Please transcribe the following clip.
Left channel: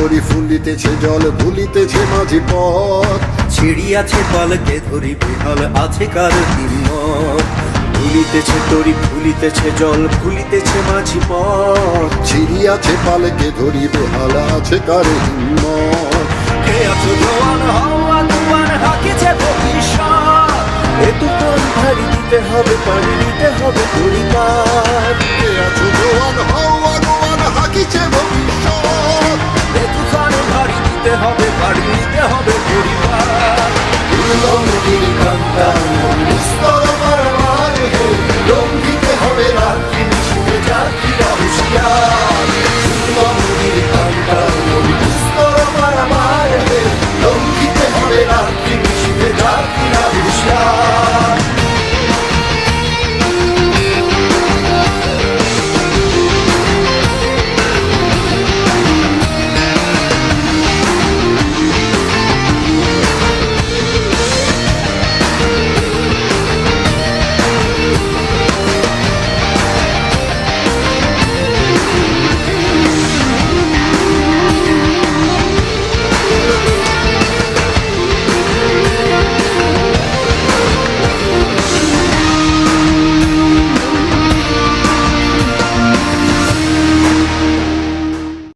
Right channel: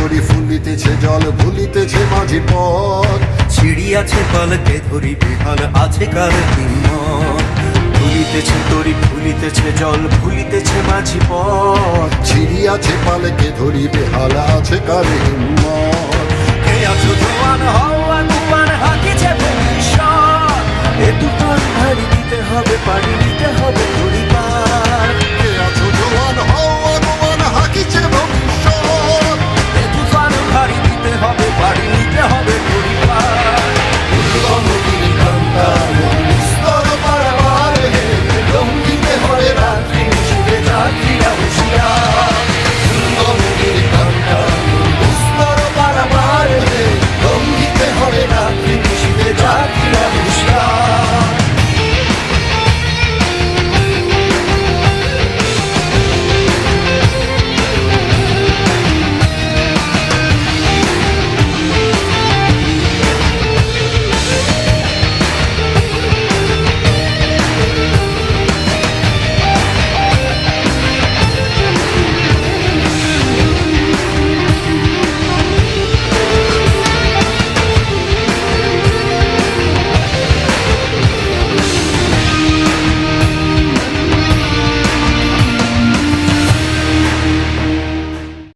ধরি ফুলিতেছে জল ভুলিতেছে মাঝি পথ। ছিড়িয়াছে পালকে ধরি বেহাল আছে কার হিম্মত। ভুলিতেছে তরি ফুলিতেছে জল ভুলিতেছে মাঝি পথ। ছিড়িয়াছে পালকে ধরি বেহাল আছে কার হিম্মত। কে আছো জোয়ান হও আগুয়ান হাকিছে ভবিষ্যৎ। এ তুফান ভারী দিতে হবে পাড়ি নিতে হবে পরিবার। কে আছো জোয়ান হও আগুয়ান হাকিছে ভবিষ্যৎ। এ তুফান ভারী দিতে হবে পাড়ি নিতে হবে পরিবার। উদ্যম গিরি কান্তা